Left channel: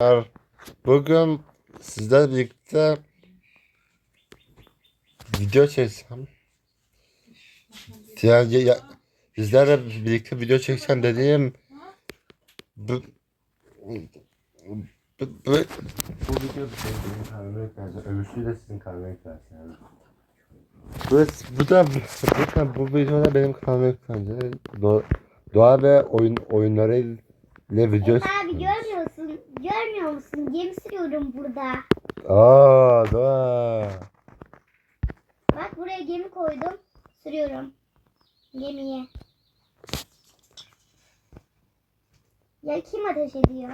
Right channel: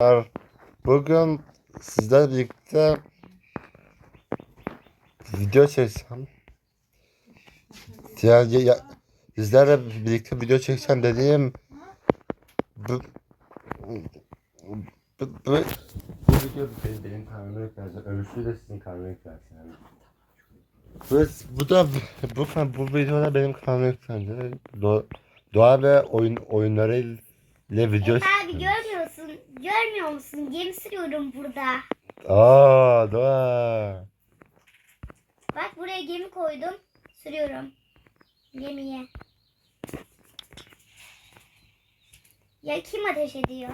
Arkadaşlar, Bugün sizlerle birlikte video çekeceğim. Yani ya, sizlerle birlikte video çekeceğim dediğim bu, bu, bu, bu video bir şey benim kanalıma yüklenecek. Öbürsü de sizin kanalıma yüklenecek yani. Bu, bu da bu, bu videoda benim yüklenecek. Do, doğa ve oyun oyunları ile video Efe abi görmüyorsun. Görmüyor musun? Gemi sürüyorum burada. Aa, doğa. Bak buraya gemi koydum. Sürüyorum. Gemiye. Ya kim ateş ediyor?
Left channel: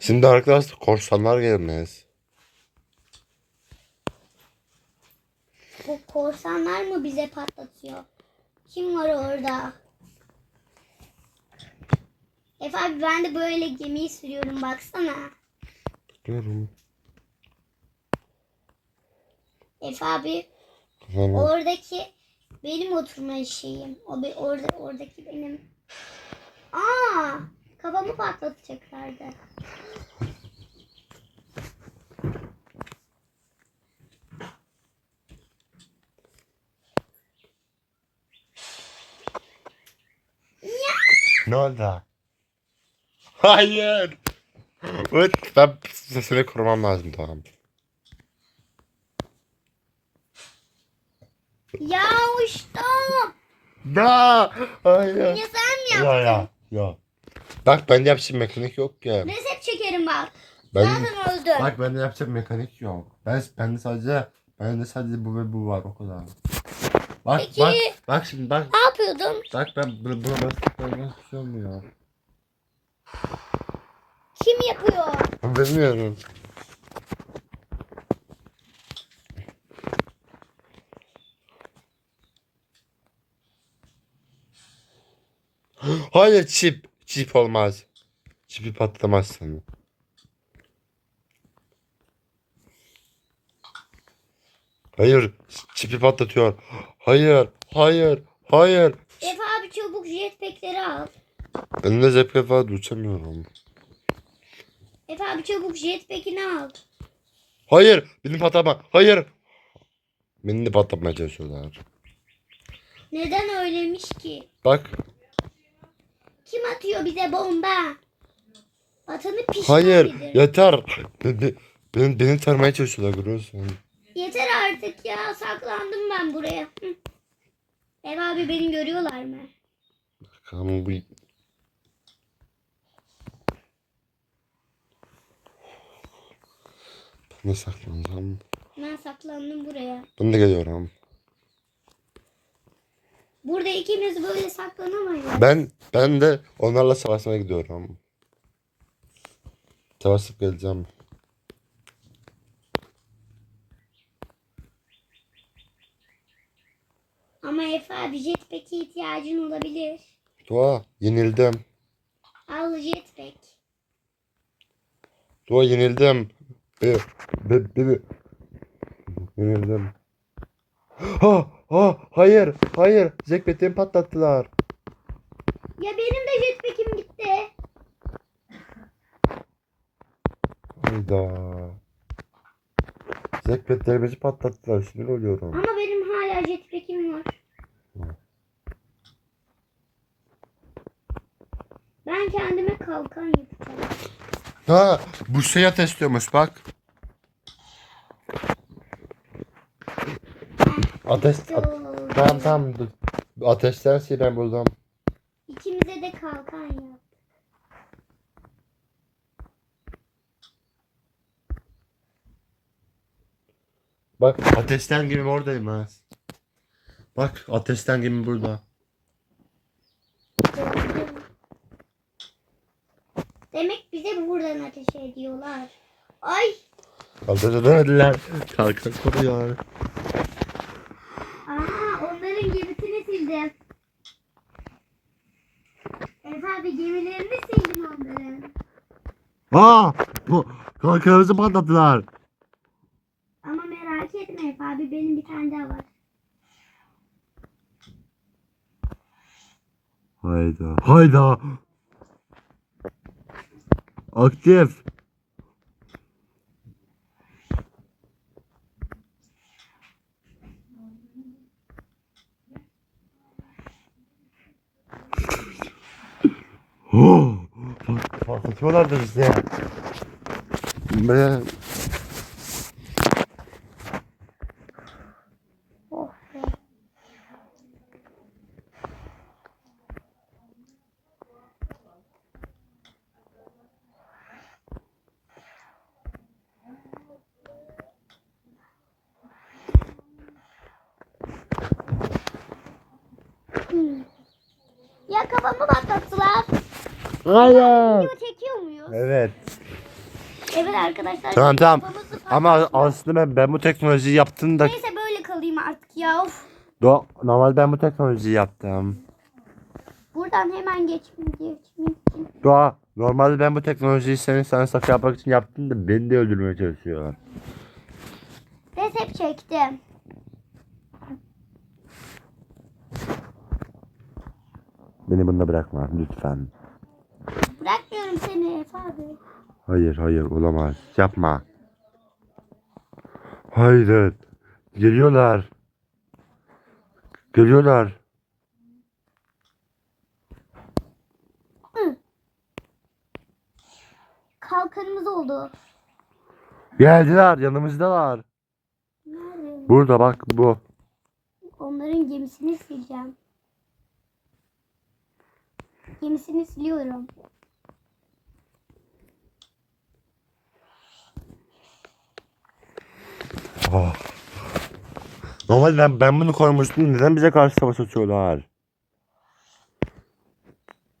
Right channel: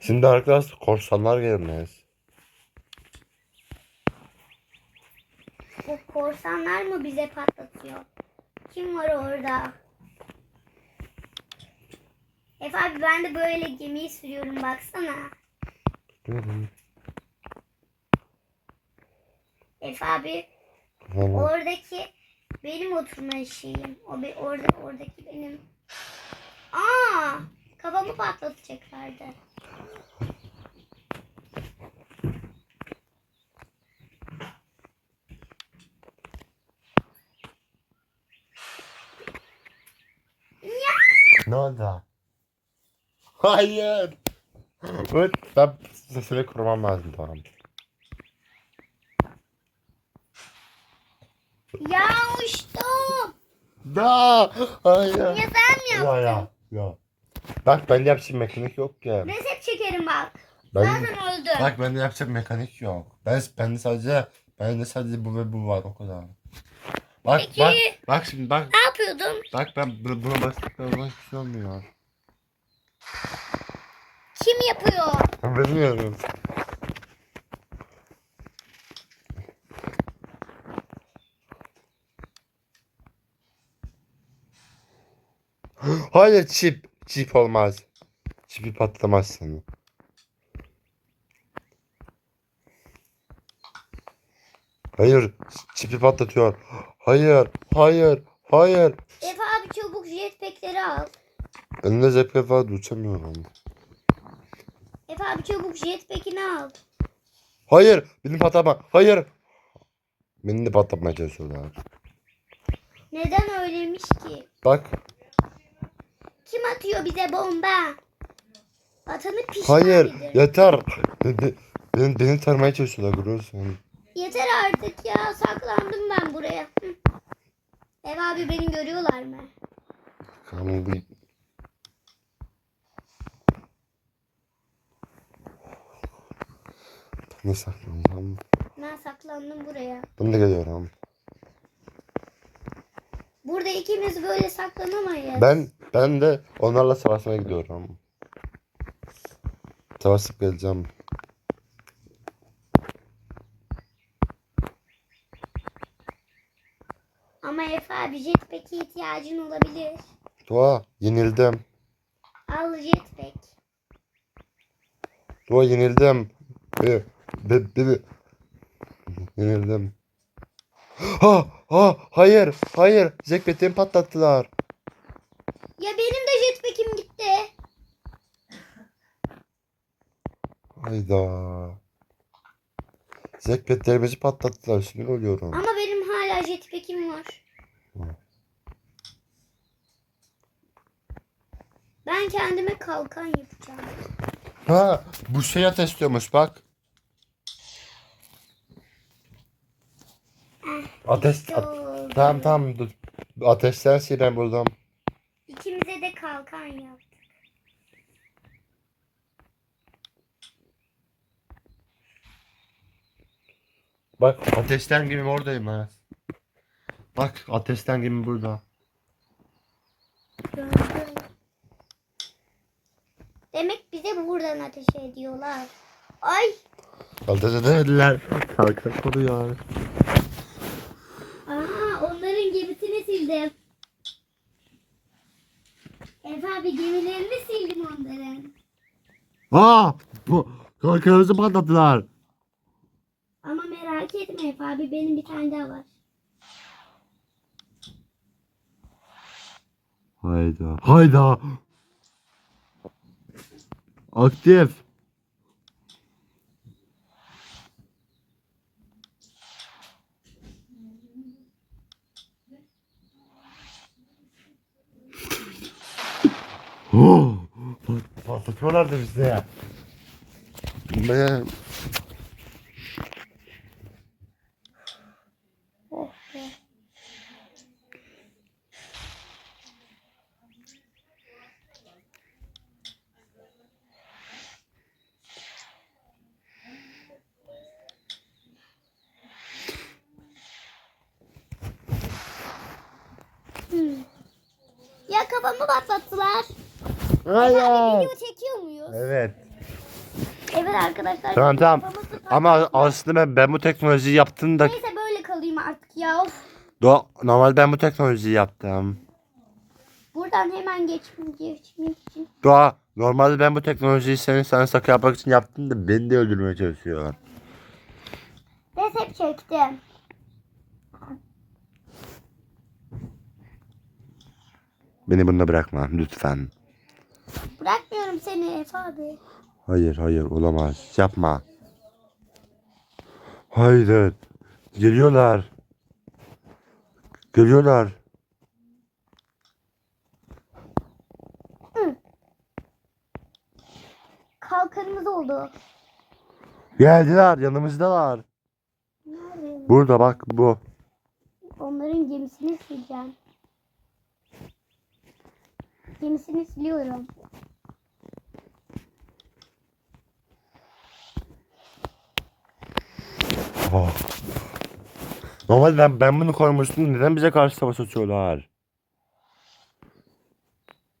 Şimdi arkadaşlar korsanlar gelmez. Bu korsanlar mı bize patlatıyor? Kim var orada? Efe abi ben de böyle gemiyi sürüyorum baksana. Görün. Efe abi Tamam. oradaki benim oturma şeyim. O be, orada oradaki benim. Aa, kafamı patlatacaklardı. Ne oldu? Hayır. Evet, ben seni korumam lazım tamam. Ya uçtum. Ya, hayır. Ya sen mi Ya yaptın? ya ya. Bak ben yapacağım mekanik yok ya. Reset çekerim bak. Ben Zaten öldüm. bak ben yapacağım mekanik yok. Ben bende sadece bende sadece bu ve bu var o kadar. Bak Peki. bak bak şimdi bak Ne yapıyordun? bak ben bu- buna bastıklarım hiçbir şey olmuyor. Kim yapıyor? Bilmiyorum. Hayır çip. Çip olmaz. Çipi patlamazsın. Hayır. Çipi patlatıyor. Hayır. Hayır. Hayır. Efe abi çabuk jetpackleri al. Ben de zepke var uçamıyorum. Efe abi çabuk jetpackini al. Hayır. Beni patlama. Hayır. Beni de patlatmaya çalışıyorlar. Neden öyleymiş ki? Bak. Kim atıyor bize bomba? Atanı pişman Hayır. Yeter. Beni, beni, beni tarmaya çalışıyorlar görüyorsun. Yeter artık ya. Saklandım ben buraya. Hı. Efe abi beni görüyorlar mı? Ama bu... Ben de saklanacağım. Ben saklandım buraya. Ben de geliyorum. Burada ikimiz böyle saklanamayız. Ben ben de onlarla savaşmaya gidiyorum. Savaşıp geleceğim. Ama Efe abi jetpack'e ihtiyacın olabilir. Doğa yenildim. Al jetpack. Doğa yenildim. Be, be, be, be. Yenildim. Ha, ha, hayır, hayır. Zekbetimi patlattılar. Ya benim de jetpack'im gitti. Hayda. Zekbetlerimizi patlattılar. Sinir oluyorum. Ama benim hala jetpack'im var. Hı. Ben kendime kalkan yapacağım. Ha, bu ateş istiyormuş bak. Ateş, at- tamam tamam dur. Ateşten şey ben buldum. İkimize de kalkan yaptık. Bak ateşten gibi oradayım ha. Bak ateşten gibi burada. Gördüm. Demek bize buradan ateş ediyorlar. Ay Ateş edemediler. Kalkan koruyor. Aha onların gemisini sildim. Efe abi gemilerini sildim onların. Aa! Bu kalkanımızı patlattılar. Ama merak etme Efe abi benim bir tane daha var. Hayda. Hayda. Aktif. Oh, patlatıyorlardı bizi ya. Ben Ya kafamı patlattılar. Hayır. Video çekiyor muyuz? Evet. Evet arkadaşlar. Tamam tamam. Ama aslında ben, ben bu teknolojiyi yaptım da Neyse böyle kalayım artık ya. Of. Do normal ben bu teknolojiyi yaptım. Buradan hemen geçmek, için. Doğa normalde ben bu teknolojiyi senin sana sakın yapmak için yaptım da beni de öldürmeye çalışıyor. Resep çektim. Beni bunda bırakma lütfen. Bırakmıyorum seni Efe abi. Hayır hayır olamaz. Yapma. Hayır. Geliyorlar. Geliyorlar. Kalkanımız oldu. Geldiler yanımızdalar. Nerede? Burada bak bu. Onların gemisini sileceğim. Gemisini siliyorum. Oh. Normal ben, ben bunu koymuştum. Neden bize karşı savaş açıyorlar?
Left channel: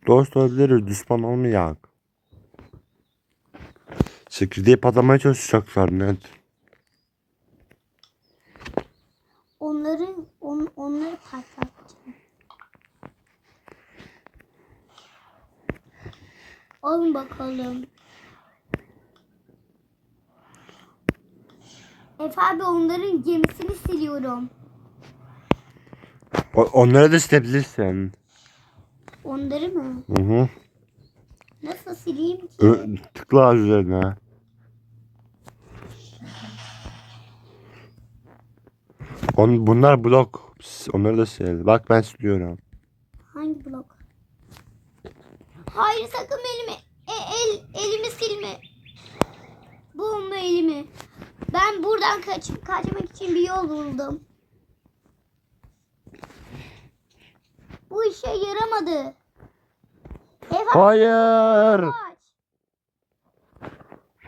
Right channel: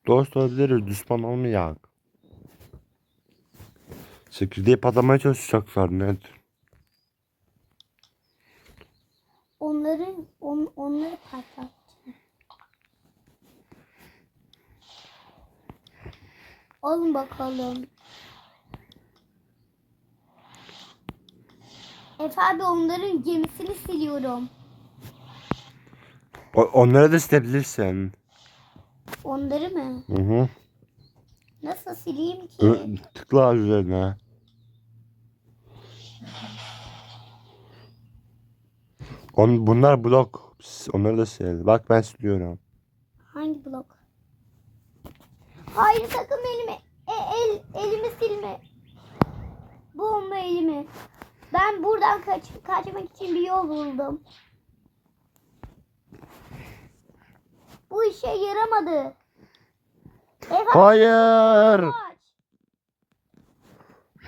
Dost olabiliriz. Düşman olmayak. Çekirdeği patlamaya çalışacaklar net. Onların on, onları patlatacağım. Alın bakalım. Efe abi onların gemisini siliyorum. O, onları da silebilirsin. Onları mı? Hı hı. Nasıl sileyim ki? Ö- tıkla üzerine. On, bunlar blok. Onları da sil. Bak ben siliyorum. Hangi blok? Hayır sakın elimi e, el elimi silme. Bulma elimi. Ben buradan kaç, kaçmak için bir yol buldum. Bu işe yaramadı. Ev Hayır. aç.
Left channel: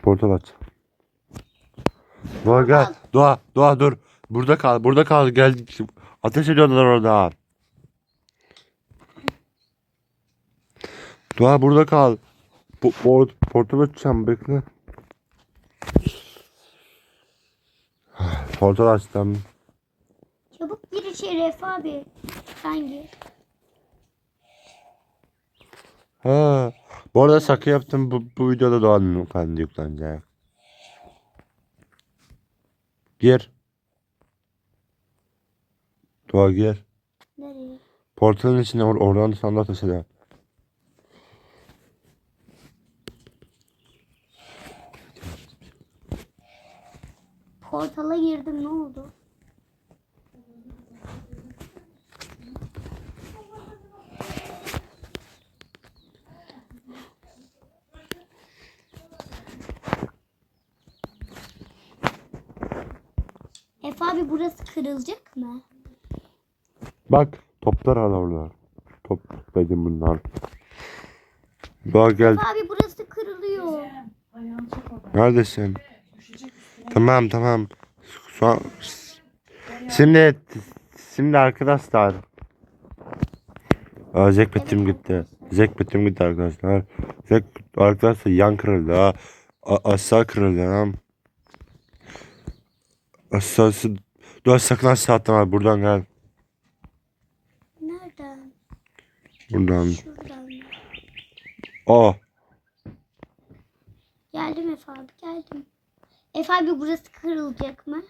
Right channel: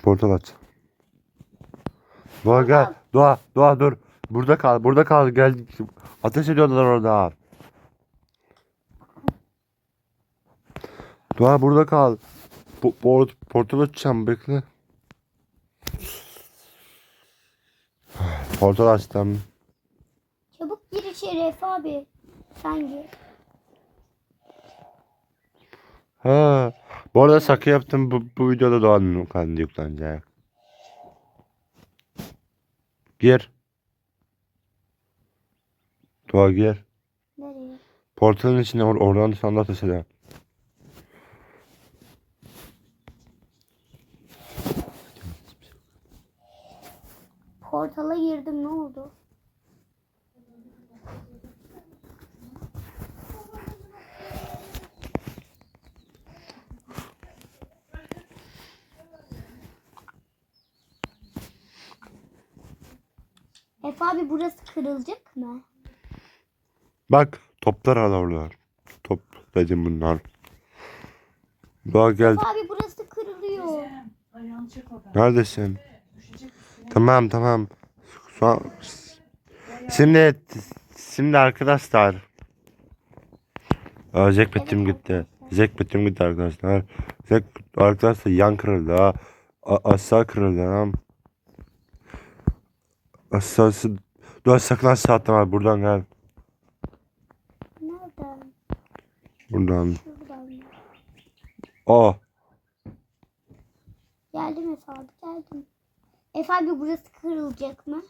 Portal aç. Doğa gel. Doğa, Doğa dur. Burada kal, burada kal. Gel. Ateş ediyorlar orada. Doğa burada kal. Bu portal açacağım bekle. Portal açtım. Çabuk gir içeri Efe abi. Sen gir. Ha. Bu arada sakı yaptım. Bu, bu videoda Doğan'ın kendi yüklenecek. Gir. Doğa gir. Nereye? Portalın içine or oradan sana ateş Portala girdim ne oldu? Efe abi burası kırılacak mı? Bak toplar alırlar. Top dedim bunlar. Doğa gel. Efe abi burası kırılıyor. Neredesin? Tamam tamam. An... Şimdi şimdi arkadaşlar. Aa, Jack bitim gitti. Jack bitim gitti arkadaşlar. Jack arkadaşlar yan kırıldı ha. Aşağı kırıldı ha. Aşağısı... Dur sakın aşağı atlama buradan gel. Nereden? Buradan. Şuradan. Oh. Geldim Efe abi geldim. Efe abi burası kırılacak mı?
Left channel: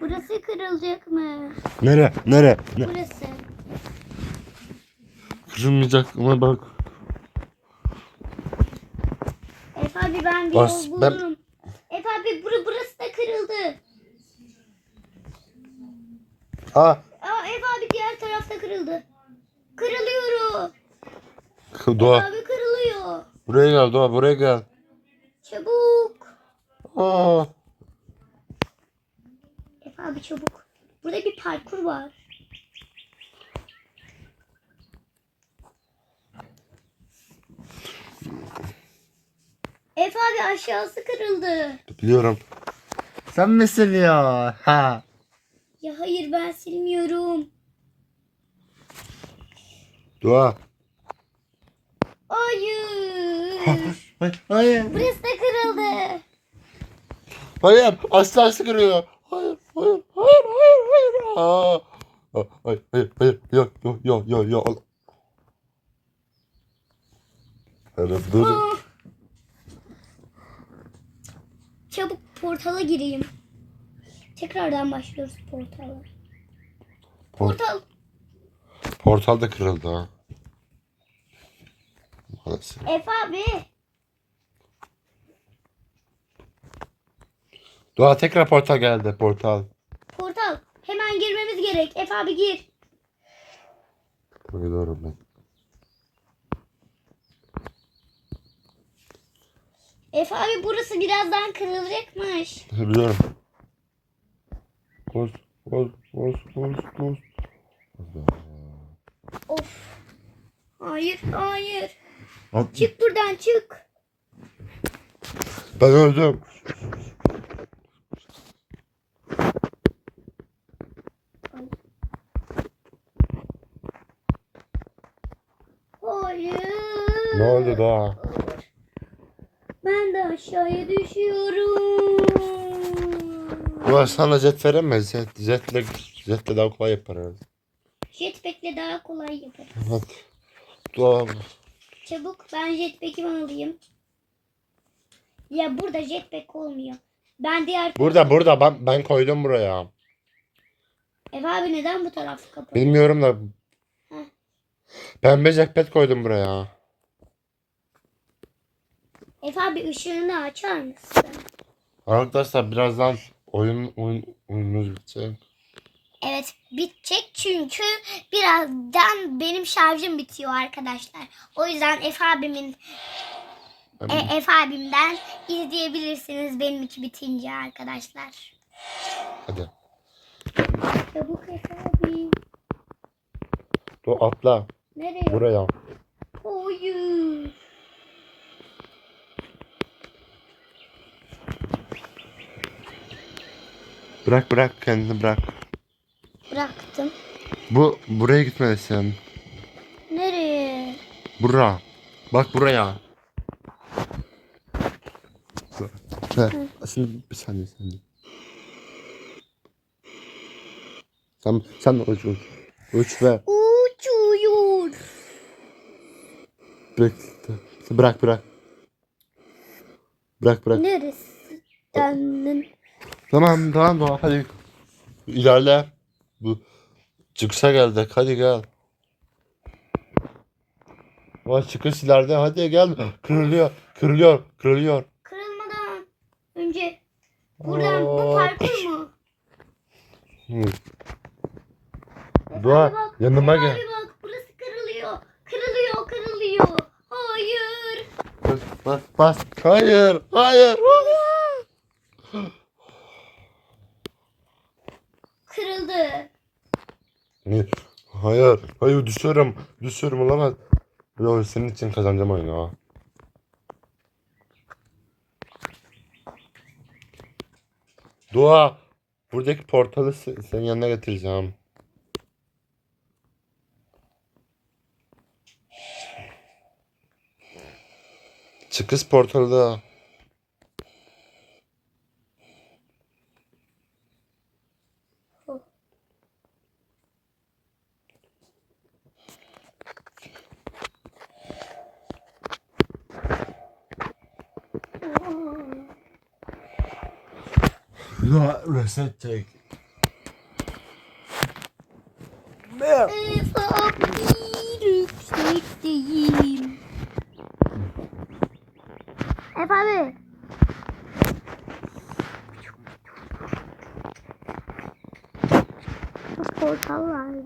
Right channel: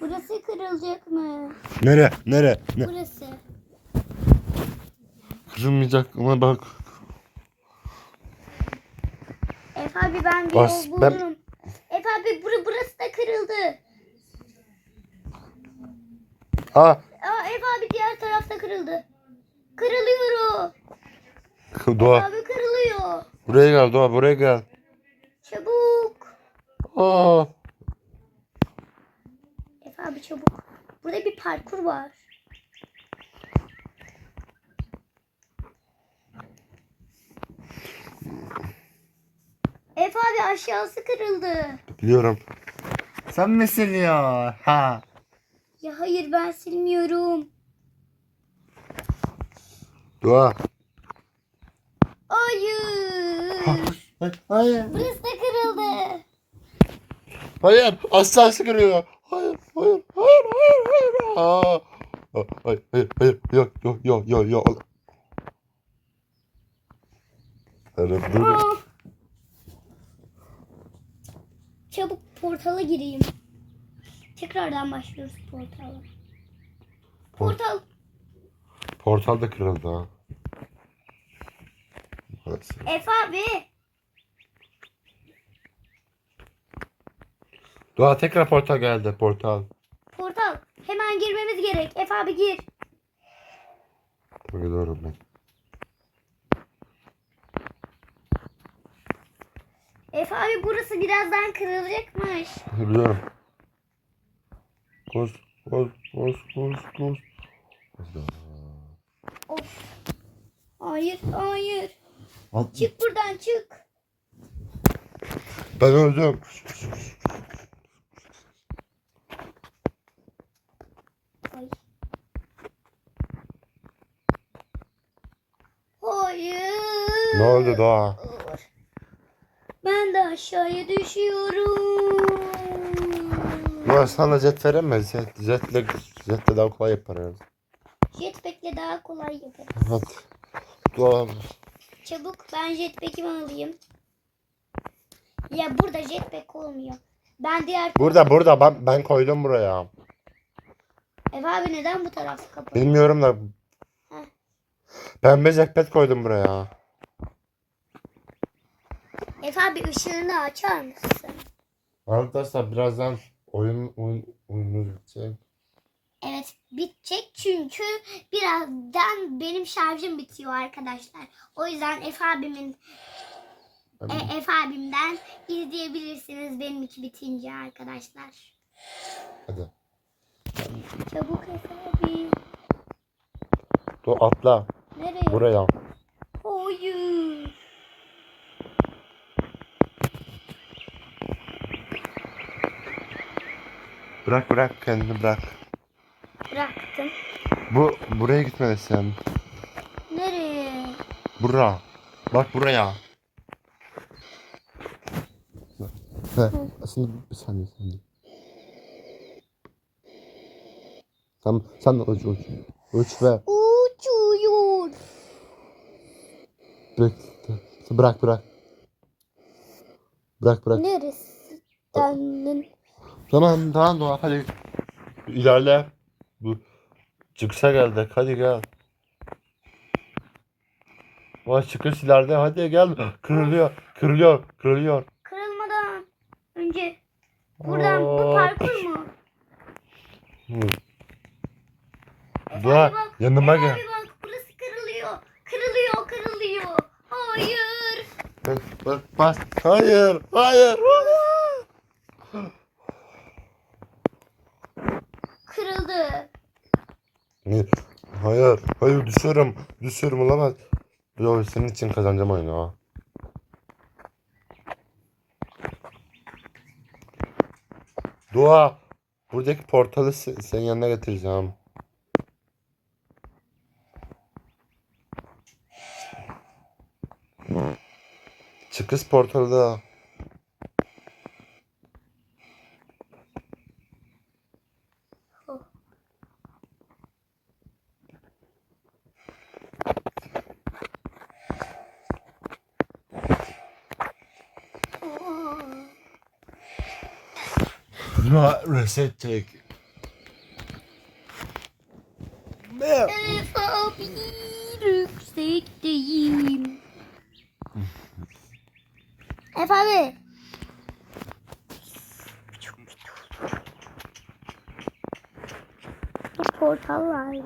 Burası kırılacak mı? Nere? Nere? Ne? Burası. kırılmayacak ama bak. Efe abi ben bir Bas, yol ben- buldum. Efe abi bura, burası da kırıldı. Aa Aa, Efe abi diğer tarafta kırıldı. Kırılıyor. Doğa Abi kırılıyor. buraya gel Doğa buraya gel. Aa. Efe abi çabuk. Burada bir parkur var. Efe abi aşağısı kırıldı. Biliyorum. Sen misin ya? Ha. Ya hayır ben silmiyorum. Doğa. Hayır. Ay, Hayır. Burası da kırıldı. Hayır aşağısı kırıyor. Hayır hayır hayır hayır hayır. Aa. Hayır hayır hayır yok yok yok yok yok. Evet dur. Aa. Çabuk portala gireyim. Tekrardan başlıyoruz portala. Portal. Portal da kırıldı ha. Maalesef. Efe abi. Doğa tekrar portal geldi portal. Portal. Hemen girmemiz gerek. Efe abi gir. Biliyorum ben. Efe abi burası birazdan kırılacakmış. Biliyorum. Koş koş koş koş koş. Of. Hayır, hayır. At- Çık buradan çık. Ben öldüm. Ay. Oldu Doğa? Ben de aşağıya düşüyorum. Doğa sana jet veremez. Jet, jetle, jetle daha kolay yapar herhalde. Jetpack'le daha kolay yaparım. Hadi. Doğa. Çabuk ben jetpack'imi alayım. Ya burada jetpack olmuyor. Ben diğer... Burada burada ben, ben koydum buraya. Efe abi neden bu taraf kapalı? Bilmiyorum da. Heh. Pembe jackpot koydum buraya. Efe abi ışığını açar mısın? Arkadaşlar birazdan oyun, oyun oyunumuz bitecek. Evet bitecek çünkü birazdan benim şarjım bitiyor arkadaşlar. O yüzden Efe abimin e, Efe abimden izleyebilirsiniz benimki bitince arkadaşlar. Hadi. Çabuk Efe abi. Doğa atla Nereye? buraya. Hayır. Bırak bırak kendini bırak. Bıraktım. Bu buraya gitmelisin. Nereye? Bura. Bak buraya. Ne? Şimdi bir saniye saniye. Sen sen de uç uç. Uç ve Uçuyor. bırak. Bırak bırak. Bırak bırak. Neresi? Tamam tamam Doğa hadi. İlerle. Bu çıkışa geldik hadi gel. Vay çıkış ileride hadi gel. Kırılıyor kırılıyor kırılıyor. Kırılmadan önce buradan bu parkur mu? Hı. Efe bak, yanıma gel. bak burası kırılıyor. Kırılıyor kırılıyor. Hayır. Bas, bas. Hayır, hayır. Kırıldı. Ne? Hayır, hayır düşüyorum. Düşüyorum olamaz. Yo senin için kazanacağım oyunu ha. Dua. Buradaki portalı se- senin yanına getireceğim. Çıkış portalı da. Buna reset çek. Efe abi yüksekteyim. Efe abi. Bir portal vardı.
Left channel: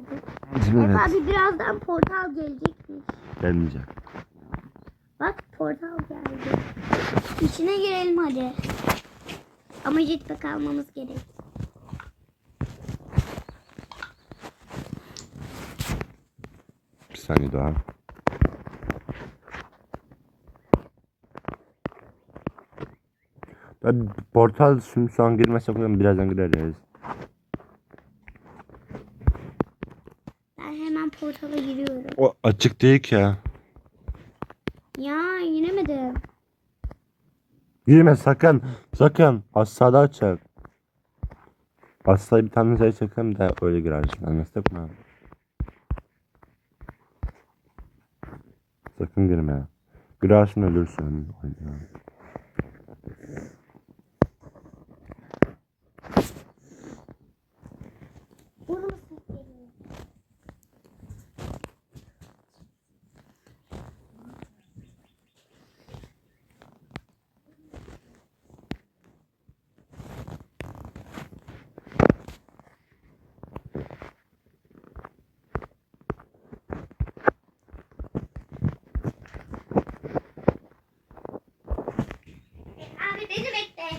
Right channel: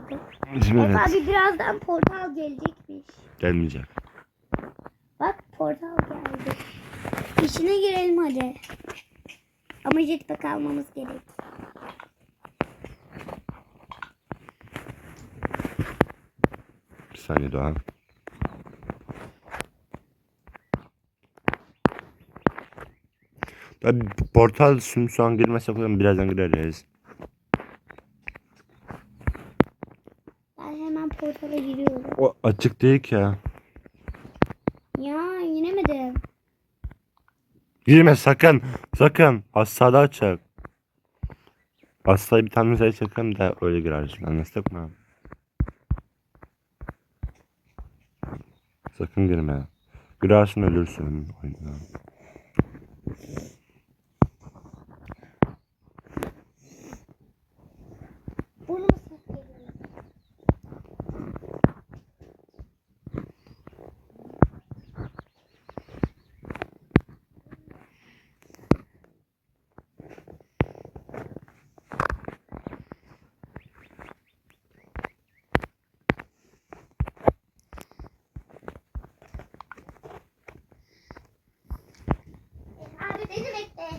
Efe abi birazdan portal gelecekmiş. Gelmeyecek. Bak portal geldi. İçine girelim hadi. Ama jetpack almamız gerek. Bir saniye daha. Tabii portal şimdi şu an girmesek falan birazdan gireriz. Ben hemen portala giriyorum. O açık değil ki. Ya Girme sakın. Sakın. Asada açık. Asayı bir tane sayı çekelim de öyle girersin. Anlaştık mı? Sakın girme. Girersin ölürsün. Oyna.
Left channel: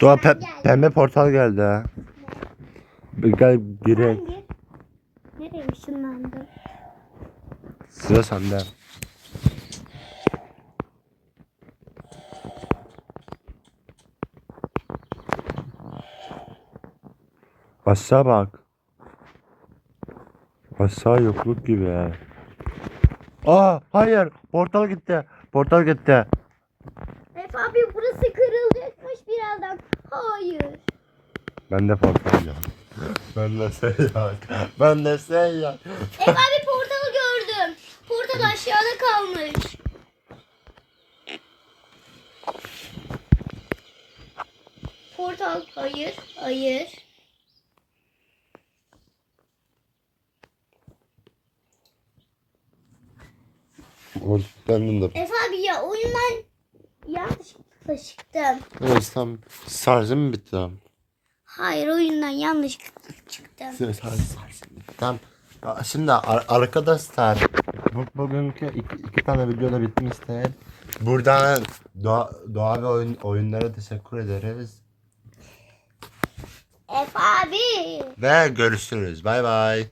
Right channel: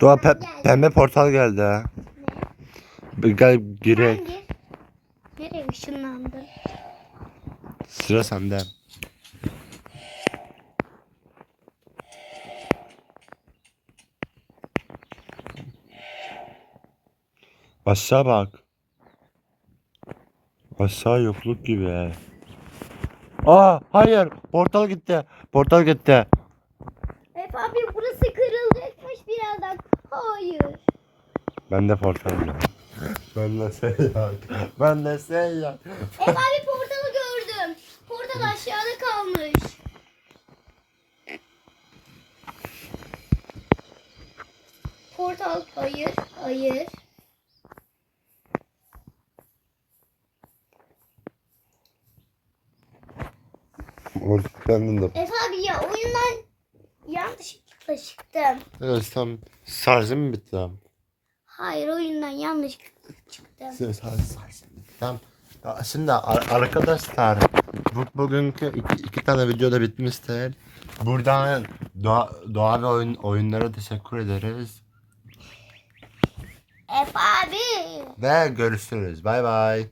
Doğa pe- pembe portal geldi ha. Gel girek. Nereye ışınlandı? Sıra sende. Aşağı bak. Aşağı yokluk gibi. Aa hayır portal gitti. Portal gitti. Efe abi burası kırılacakmış birazdan. Hayır. Ben de yok. Ben de seyyar. Ben de seyyar. Efe abi portalı gördüm. Portal aşağıda kalmış. Portal hayır hayır. Kendim de. Efe abi ya oyundan yanlışlıkla çıktım. Evet tam şarjım mı bitti tam? Hayır oyundan yanlışlıkla çıktım. Tamam. Ya Şimdi ar- arkadaşlar bu, bugünkü iki, iki tane videoda bitmiştir. Buradan doğa, doğa ve oyun, oyunlara teşekkür ederiz. Efe abi. Ve görüşürüz. Bay bay.